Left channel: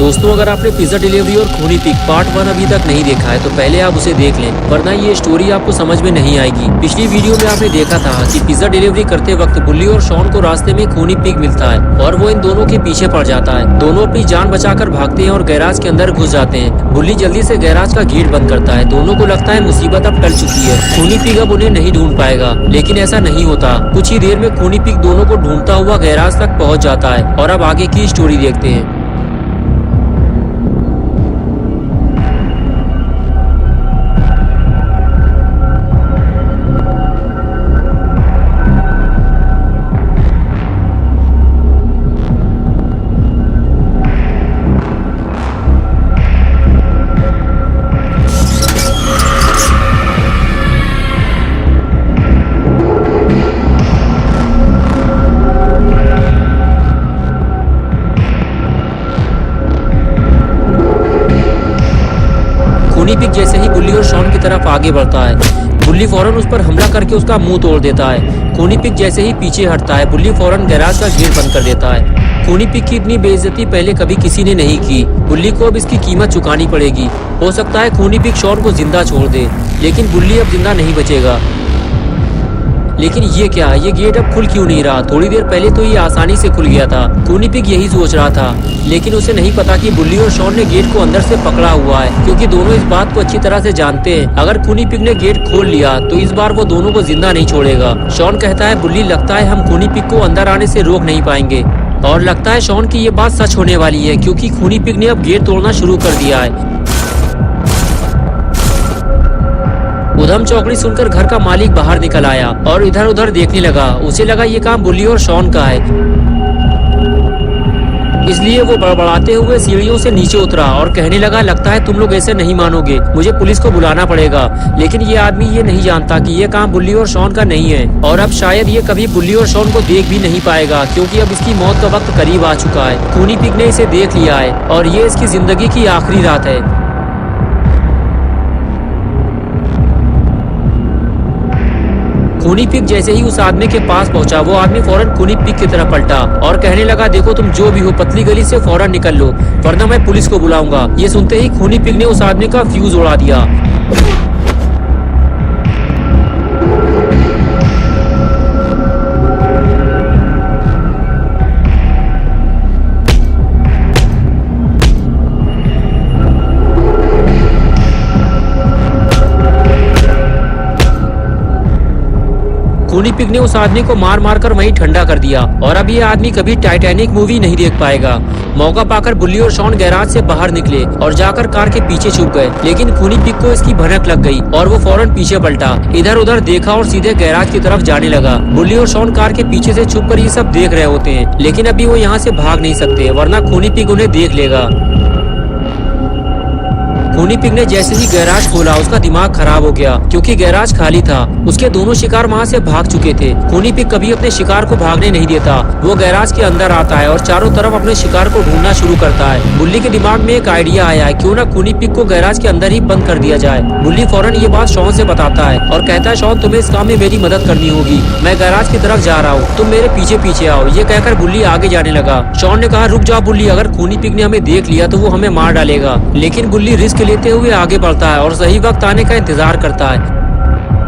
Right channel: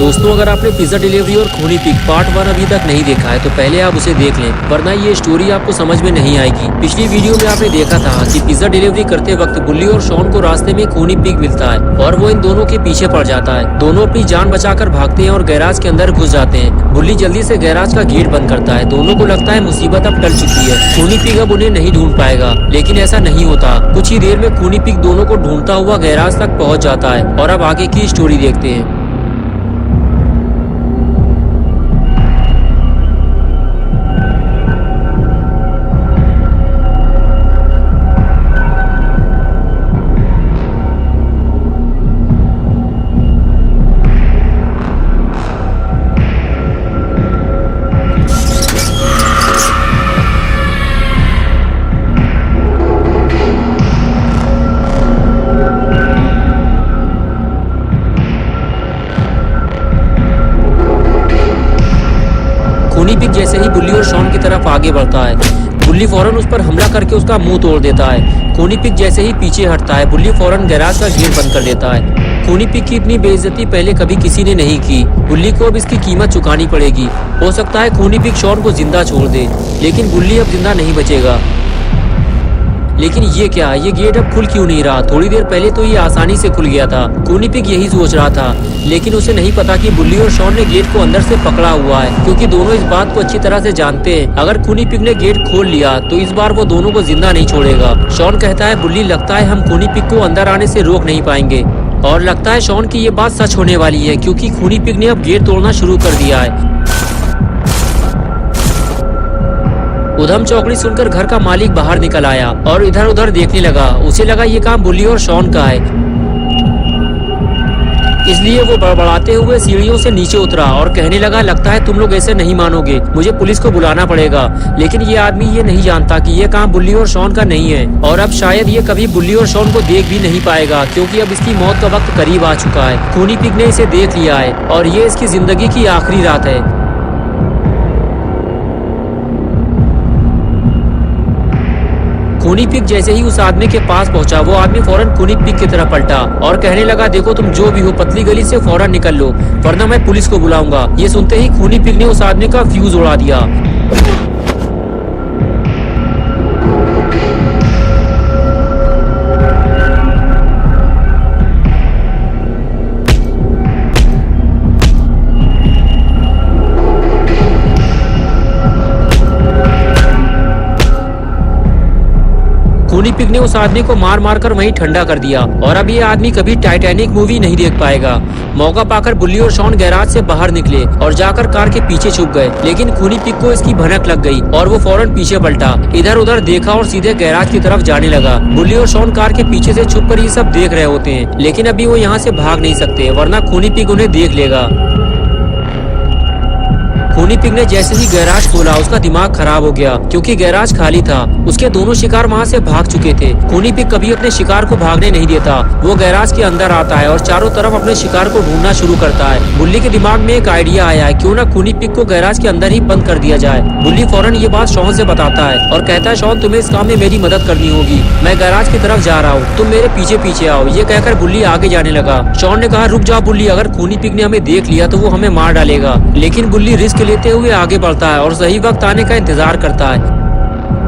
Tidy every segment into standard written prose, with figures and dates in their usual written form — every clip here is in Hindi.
दोस्तों, अगर आपने पिज्जा डिलीवरी और खूनी पिग पार्ट 1 अभी तक नहीं देखा है तो पहले आप उसे देख लें, वरना ये स्टोरी आपको समझ में नहीं आएगी। पिछली वीडियो में आपने देखा था कि पिज्जा डिलीवरी करते वक्त बुल्ली और शॉन को रास्ते में खूनी पिग मिलता है और वो इन दोनों के पीछे पड़ जाता है। दोनों अपनी जान बचाकर भागते हैं और गैराज के अंदर घुस जाते हैं। बुल्ली जल्दी से गैराज का गेट बंद करता है। दोनों को लगता है मुसीबत अब टल चुकी है, खूनी पिग अब उन्हें नहीं ढूंढ पाएगा, लेकिन ऐसा नहीं होता। कुछ ही देर में खूनी पिग दोनों को ढूंढता हुआ गैराज तक पहुंच जाता है और अब आगे की स्टोरी देखते हैं। खूनी पिग जैसे ही बुल्ली और शॉन की तरफ आगे बढ़ता है, बुल्ली फौरन उस पर हमला करके उसका मुंह तोड़ देता है। खूनी पिग जैसे ही पीछे हटता है, बुल्ली फौरन गैराज का गेट बंद कर देता है। खूनी पिग की इतनी बेइज्जती पहले कभी किसी ने नहीं की। बुल्ली को अब इसकी कीमत चुकानी पड़ेगी। हो सकता है खूनी पिग शॉन को जिंदा छोड़ दे, लेकिन बुल्ली अब जिंदा नहीं बचेगा। लेकिन ये क्या, ये गेट अब खुल क्यों नहीं रहा? थोड़ी देर पहले तो ये आसानी से खुल गया था। खूनी पिग यही सोच रहा था, लेकिन उसे नहीं पता कि बुल्ली और शॉन ने गेट को अंदर से पकड़ा हुआ है, क्योंकि दोनों इस बात को अच्छी तरह से जानते हैं। अगर खूनी पिग ने गेट खोल लिया तो इस बार वो दोनों को जिंदा नहीं छोड़ेगा। शॉन कहता है, बुल्ली लगता है हम खूनी पिग को अंदर आने से रोक नहीं पाएंगे। और लगता है शॉन की ये बात सच होने वाली है, क्योंकि खूनी पिग ने अब गेट तोड़ना शुरू कर दिया है। उधम चौकड़ी सुनकर घर का मालिक बाहर निकल आया और इधर उधर देखने लगा। उसे लगा ये काम बुल्ली और शॉन का है, इसलिए वो बड़बड़ाते हुए सीढ़ियों से नीचे उतरा और कहने लगा, लगता है तुम लोग ऐसे नहीं मानोगे, मुझे पुलिस को बुलाना पड़ेगा। लेकिन ये आदमी ये नहीं जानता कि ये काम बुल्ली और शॉन का नहीं है, और अब शायद ये कभी बुल्ली और शॉन को देख भी नहीं पाएगा, क्योंकि अब इसकी मौत का वक्त करीब आ चुका है। खूनी पिग ने इसे देख लिया है और ये इसकी जिंदगी की आखिरी रात है। खूनी पिग जैसे ही उस आदमी के पास पहुंचा, वो आदमी फौरन खूनी पिग की तरफ पलटा और कहने लगा, देखो तुम जो भी हो, पतली गली से फौरन निकल लो, वरना मैं पुलिस को बुलाऊंगा। ये सुनते ही खूनी पिग ने उस आदमी का फ्यूज उड़ा दिया। खूनी पिग ने उस आदमी को मार मार कर वहीं ठंडा कर दिया और अब ये आदमी कभी टाइटैनिक मूवी नहीं देख पाएगा। मौका पाकर बुल्ली और शॉन गैराज से बाहर निकले और जाकर कार के पीछे छुप गए, लेकिन खूनी पिग को इसकी भनक लग गई और वो फौरन पीछे पलटा, इधर उधर देखा और सीधे गैराज की तरफ जाने लगा। बुल्ली और शॉन कार के पीछे से छुपकर ये सब देख रहे होते हैं, लेकिन अभी वो यहाँ से भाग नहीं सकते, वरना खूनी पिग उन्हें देख लेगा। खूनी पिग ने जैसे ही गैराज खोला, उसका दिमाग खराब हो गया, क्योंकि गैराज खाली था। उसके दोनों शिकार वहाँ से भाग चुके थे। खूनी पिग कभी अपने शिकार को भागने नहीं देता। वो गैराज के अंदर आता है और चारों तरफ अपने शिकार को ढूंढना शुरू करता है। बुल्ली के दिमाग में एक आइडिया आया है, क्यों ना खूनी पिग को गैराज के अंदर ही बंद कर दिया जाए। बुल्ली फौरन ये बात शॉन से बताता है और कहता है, शॉन तुम्हें इस काम में मेरी मदद करनी होगी, मैं गैराज की तरफ जा रहा हूँ, तुम मेरे पीछे पीछे आओ। ये कहकर बुल्ली आगे जाने लगा। शॉन ने कहा, रुक जाओ बुल्ली, अगर खूनी पिग ने हमें देख लिया तो वो हमें मार डालेगा। लेकिन बुल्ली रिस्क लेते हुए आगे बढ़ता है और सही वक्त आने का इंतजार करता है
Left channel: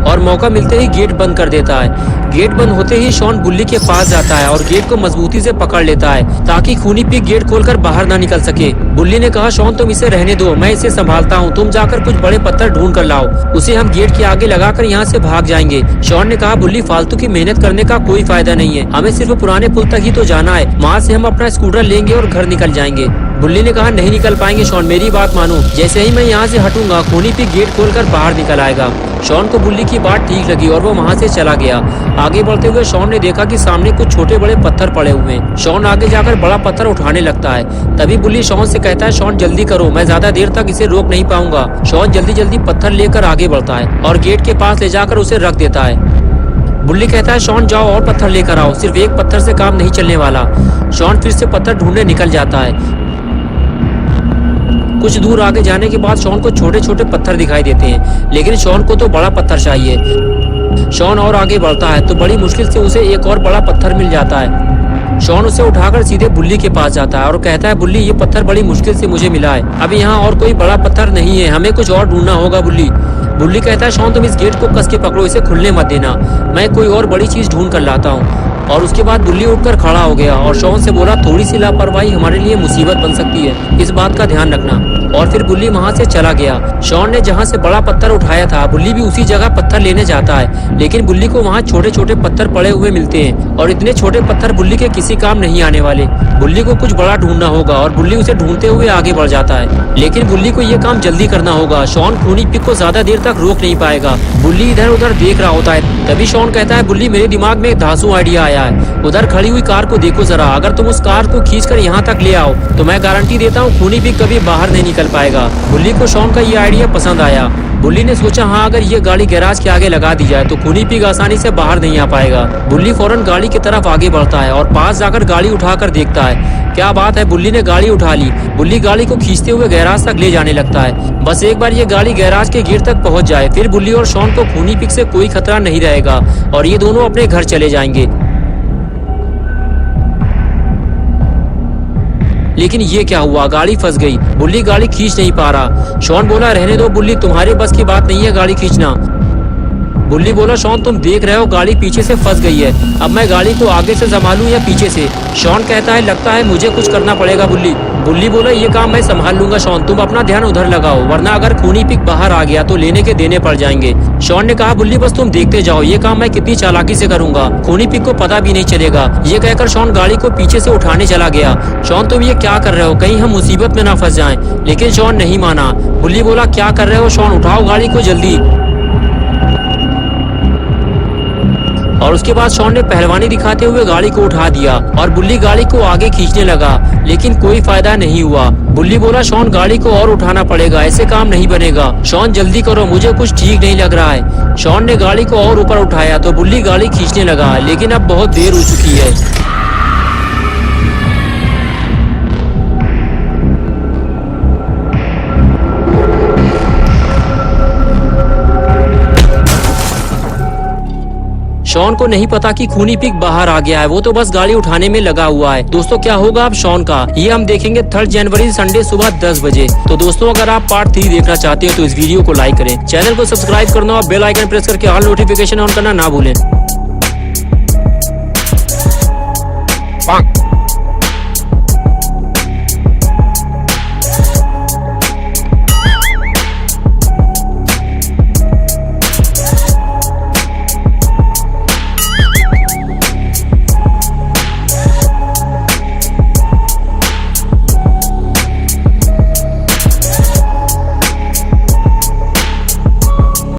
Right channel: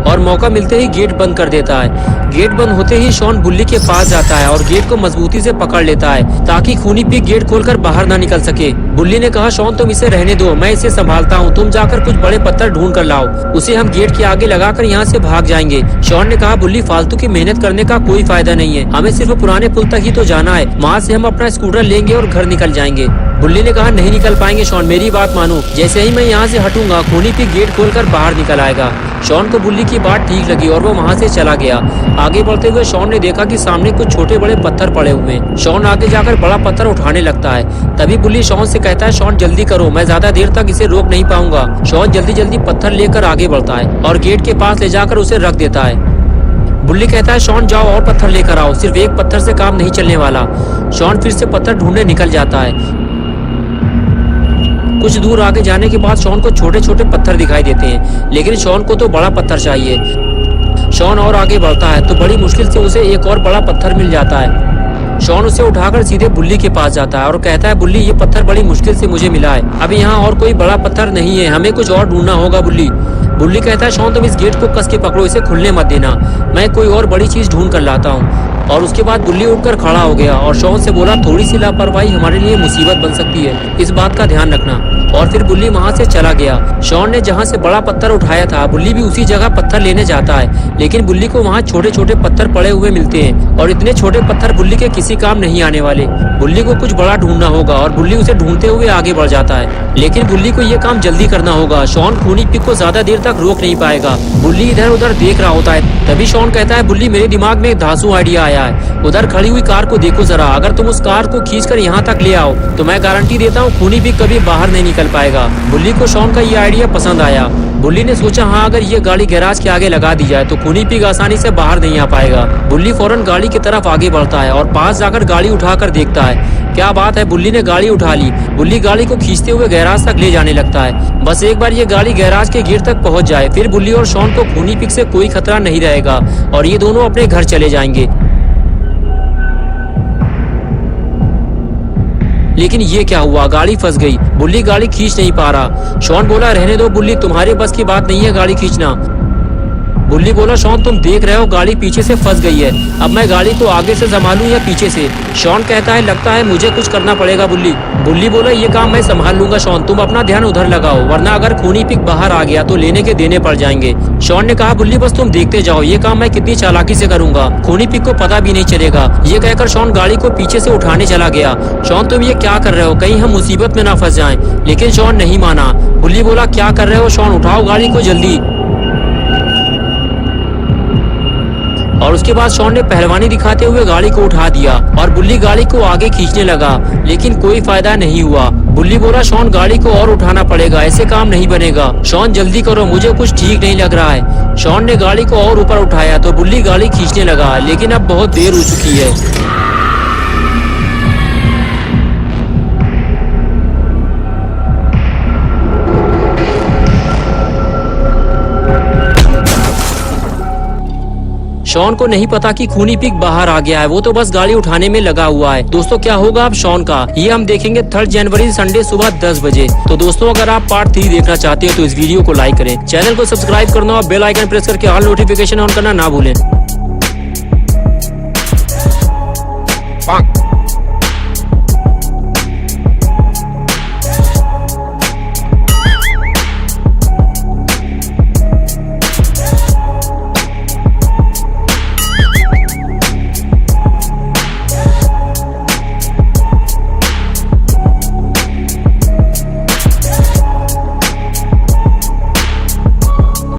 और मौका मिलते ही गेट बंद कर देता है। गेट बंद होते ही शॉन बुल्ली के पास जाता है और गेट को मजबूती से पकड़ लेता है, ताकि खूनी पिग गेट खोलकर बाहर ना निकल सके। बुल्ली ने कहा, शॉन तुम इसे रहने दो, मैं इसे संभालता हूँ, तुम जाकर कुछ बड़े पत्थर ढूंढ कर लाओ, उसे हम गेट के आगे लगाकर यहाँ से भाग जाएंगे। शॉन ने कहा, बुल्ली फालतू की मेहनत करने का कोई फायदा नहीं है, हमें सिर्फ पुराने पुल तक ही तो जाना है, वहाँ से हम अपना स्कूटर लेंगे और घर निकल जाएंगे। बुल्ली ने कहा, नहीं निकल पाएंगे शॉन, मेरी बात मानो, जैसे ही मैं यहाँ से हटूंगा खूनी पिग गेट खोलकर बाहर निकल आएगा। शॉन को बुल्ली की बात ठीक लगी और वो वहाँ से चला गया। आगे बढ़ते हुए शॉन ने देखा कि सामने कुछ छोटे बड़े पत्थर पड़े हुए हैं। शॉन आगे जाकर बड़ा पत्थर उठाने लगता है। तभी बुल्ली शॉन से कहता है, शॉन जल्दी करो, मैं ज्यादा देर तक इसे रोक नहीं पाऊंगा। शॉन जल्दी जल्दी पत्थर लेकर आगे बढ़ता है और गेट के पास ले जाकर उसे रख देता है। बुल्ली कहता है, शॉन जाओ और पत्थर लेकर आओ, सिर्फ एक पत्थर से काम नहीं चलने वाला। शॉन फिर से पत्थर ढूंढने निकल जाता है। कुछ दूर आगे जाने के बाद शॉन को छोटे छोटे पत्थर दिखाई देते हैं, लेकिन शॉन को तो बड़ा पत्थर चाहिए। शॉन और आगे बढ़ता है तो बड़ी मुश्किल से उसे एक और बड़ा पत्थर मिल जाता है। शॉन उसे उठाकर सीधे बुल्ली के पास जाता है और कहता है, बुल्ली ये पत्थर बड़ी मुश्किल से मुझे मिला है, अब यहाँ और कोई बड़ा पत्थर नहीं है, हमें कुछ और ढूंढना होगा बुल्ली। बुल्ली कहता है, शॉन तुम इस गेट को कस के पकड़ो, इसे खुलने मत देना, मैं कोई और बड़ी चीज ढूंढ कर लाता हूँ। और उसके बाद बुल्ली उठकर खड़ा हो गया और शॉन से बोला, थोड़ी सी लापरवाही हमारे लिए मुसीबत बन सकती है, इस बात का ध्यान रखना। और फिर बुल्ली वहाँ से चला गया। शॉन ने जहाँ से बड़ा पत्थर उठाया था, बुल्ली भी उसी जगह पत्थर लेने जाता है, लेकिन बुल्ली को वहाँ छोटे छोटे पत्थर पड़े हुए मिलते हैं और इतने छोटे पत्थर बुल्ली के किसी काम नहीं आने वाले। बुल्ली को कुछ बड़ा ढूंढना होगा और बुल्ली उसे ढूंढते हुए आगे बढ़ जाता है, लेकिन बुल्ली को ये काम जल्दी करना होगा। शॉन खूनी पिग को ज्यादा देर तक रोक नहीं पाएगा। बुल्ली इधर उधर देख रहा होता है, तभी शॉन कहता है, बुल्ली मेरे दिमाग में एक धांसू आइडिया आया है, उधर खड़ी हुई कार को देखो जरा, अगर तुम उस कार को खींचकर यहाँ तक ले आओ तो मैं गारंटी देता हूँ खूनी पिग कभी बाहर नहीं निकल पाएगा। बुल्ली को शॉन का ये आइडिया पसंद आया। बुल्ली ने सोचा, हाँ अगर ये गाड़ी गैराज के आगे लगा दी जाए तो खूनी पिग आसानी से बाहर नहीं आ पाएगा। बुल्ली फौरन गाड़ी की तरफ आगे बढ़ता है और पास जाकर गाड़ी उठाकर देखता है। क्या बात है, बुल्ली ने गाड़ी उठा ली। बुल्ली गाड़ी को खींचते हुए गैराज तक ले जाने लगता है। बस एक बार ये गाड़ी गैराज के गेट तक पहुंच जाए, फिर बुल्ली और शॉन को खूनी पिग से कोई खतरा नहीं रहेगा और ये दोनों अपने घर चले जाएंगे। लेकिन ये क्या हुआ, गाड़ी फंस गई। बुल्ली गाड़ी खींच नहीं पा रहा। शॉन बोला, रहने दो बुल्ली, तुम्हारे बस की बात नहीं है गाड़ी खींचना। बुल्ली बोला, शॉन तुम देख रहे हो गाड़ी पीछे से फंस गई है, अब मैं गाड़ी को आगे से संभालूं या पीछे से। शॉन कहता है, लगता है मुझे कुछ करना पड़ेगा बुल्ली। बुल्ली बोला, ये काम मैं संभाल लूंगा शॉन, तुम अपना ध्यान उधर लगाओ, वरना अगर खूनी पिग बाहर आ गया तो लेने के देने पड़ जाएंगे। शॉन ने कहा, बुल्ली बस तुम देखते जाओ, ये काम मैं कितनी चालाकी से करूंगा, खूनी पिग को पता भी नहीं चलेगा। ये कहकर शॉन गाड़ी को पीछे से उठाने चला गया। शॉन तुम ये क्या कर रहे हो, कहीं हम मुसीबत में ना फंस जाएं। लेकिन शॉन नहीं माना। बुल्ली बोला, क्या कर रहे हो शॉन, उठाओ गाड़ी को जल्दी। और उसके बाद शॉन ने पहलवानी दिखाते हुए गाड़ी को उठा दिया और बुल्ली गाड़ी को आगे खींचने लगा, लेकिन कोई फायदा नहीं हुआ। बुल्ली बोला, शॉन गाड़ी को और उठाना पड़ेगा, ऐसे काम नहीं बनेगा। शॉन जल्दी करो, मुझे कुछ ठीक नहीं लग रहा है। शॉन ने गाड़ी को और ऊपर उठाया तो बुल्ली गाड़ी खींचने लगा, लेकिन अब बहुत देर हो चुकी है। शॉन को नहीं पता कि खूनी पिग बाहर आ गया है, वो तो बस गाड़ी उठाने में लगा हुआ है। दोस्तों क्या होगा अब शॉन का, ये हम देखेंगे 3 जनवरी संडे सुबह 10 बजे। तो दोस्तों अगर आप पार्ट 3 देखना चाहते हैं तो इस वीडियो को लाइक करें, चैनल को सब्सक्राइब करना और बेल आइकन प्रेस करके ऑल नोटिफिकेशन ऑन करना ना भूलें।